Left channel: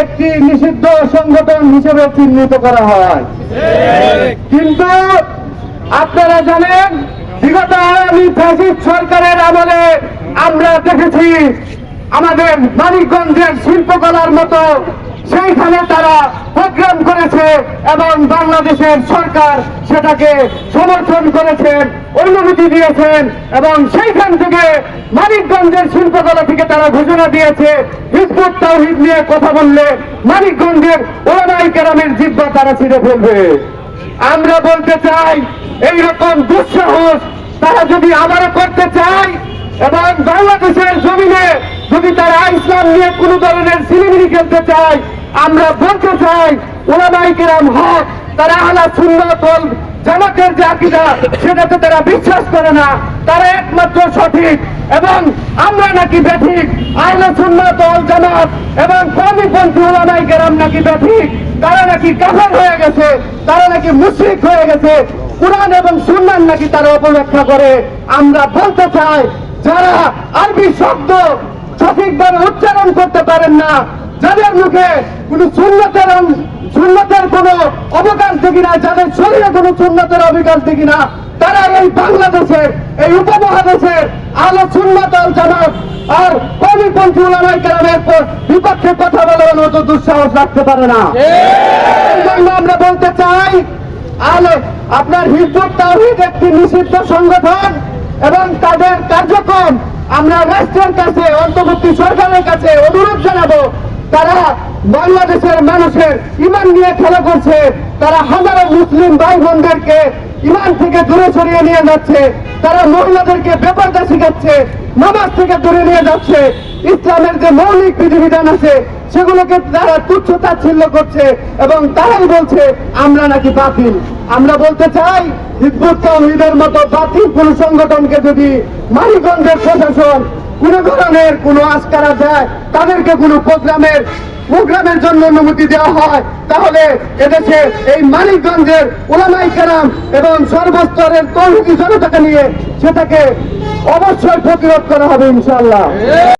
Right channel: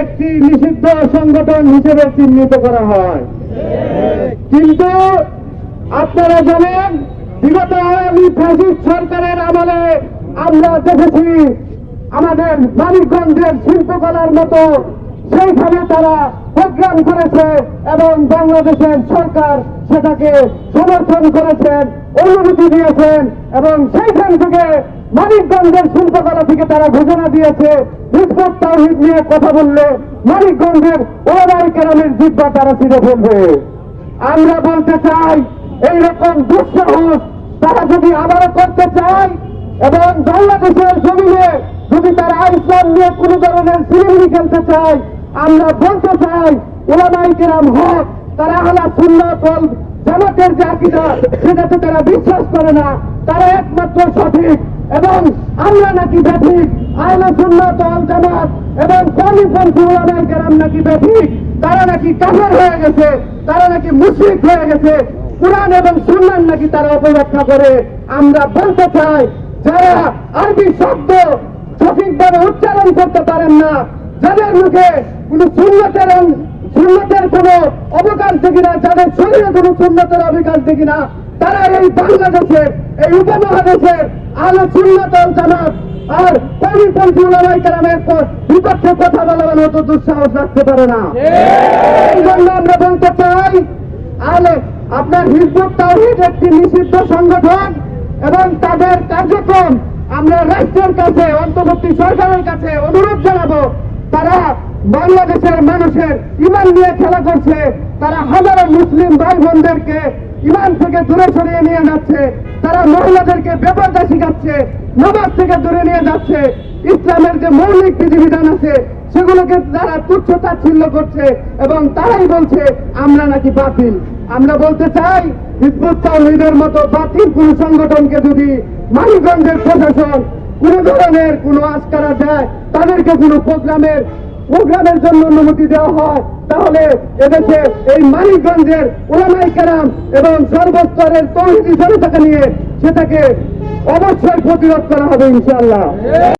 একটি নিষিদ্ধ সংগঠন হিসেবে চিহ্নিত করা হয়। কিন্তু আপনারা জানেন, বিগত সরকারের আমলে আমরা দেখেছি, আমাদের মানিকগঞ্জের শিল্পকলার মতো সেইখানে তারা প্রোগ্রাম করেছে এবং বাংলাদেশের সরকার সেটাকে সমর্থন করেছেন, অনুমতি দিয়েছেন এবং সেইখান থেকে মানিকগঞ্জের শিল্পকলা থেকে তারা ঘোষণা দিয়েছে হিজবুত তৌহিদ নিয়ে কথা বললে মানিকগঞ্জের ওলামাই কেরামের জিব্বা তারা ছিঁড়ে ফেলবে। আমরা বলতে চাই, এইরকম দুঃসাহস তারা যদি আবারও করতে চায়, এবং বাংলাদেশের জমিনে যদি তারা ইসলাম নিয়ে কোন ধরনের সিনেমিনি খেলতে চায়, আমরা বলতে চাই, ওলামাই কেরাম হক, তারা আলা সুন্নত ওয়াল জামাতের যে আকিদা, সেটাতে তারা বিশ্বাস করে না। তারা একমাত্র সঠিক এবং আমরা নাকি ব্যাঠিক আহলে সুন্নাত ওয়াল জামাত এবং কর্মপন্থী ওলামাই কেরাম নাকি ব্যাঠিক তারা নাকি কাফের হয়ে গেছে, তারা নাকি মুশরিক হয়ে গেছে। কোরআন এবং সুন্নান নাকি তারা অপব্যাখ্যা করে। আমরা বলতে চাই, যারা আরবি শব্দ সঠিকভাবে উচ্চারণ করতে পারেন না, যাদের মুখে কোন সুন্নতের সুন্নতের কোন অবকাশ দেখি না, যাদের শরীরে কোন সুন্নতের অবকাশ দেখি না, তারা এই বাংলাদেশে এই উপমহাদেশে আলো সুন্নত আল জামাত আর কবিপন্থী উলামাই কেরামের বিপক্ষে কথা বলার মতো দুঃসাহস রাখতে পারে না। আমরা বলতে চাই, আলে আপনার হিজবুত তাওহীদ একটি নিষিদ্ধ সংগঠন এবং তাদের কার্যক্রম আমরা রাষ্ট্রের কাছে, অন্তর্বর্তী সরকারের কাছে অনুরোধ জানাব, তারা বাংলাদেশের মানুষের ইমান নিয়ে খেলা করছে, তারা হাজারো মুসলিম ভাই বোনদেরকে ইমান থেকে দূরে সরিয়ে নিয়ে যাচ্ছে, তারা মহিলাদেরকে বেপরদা শিখাচ্ছে, নামাজ থেকে দূরে নিয়ে যাচ্ছে, ইসলামের যে মৌলিক বিধিবিধান আছে, সেগুলোকে তারা তুচ্ছ তাচ্ছিল্য করছে এবং তারাই বলছে, আমরা নাকি বাতিল। আমরা বলতে চাই হিজবুত তাওহীদের মতো বাতিল কোন সংগঠনকে যদি মানিকগঞ্জের প্রশাসন কোন ধরনের কোন আস্কারা দেয়, তাদেরকে কোন প্রোগ্রামের প্রোগ্রামের জন্য অনুমতি দেওয়া হয়। তাহলে এদেশে এই মানিকগঞ্জের ওলামাই কেরাম এবং সর্বস্তরের তৌহিদি জনতাকে নিয়ে সেটাকে অবশ্যই প্রতিরোধ করা হবে ইনশাআল্লাহ।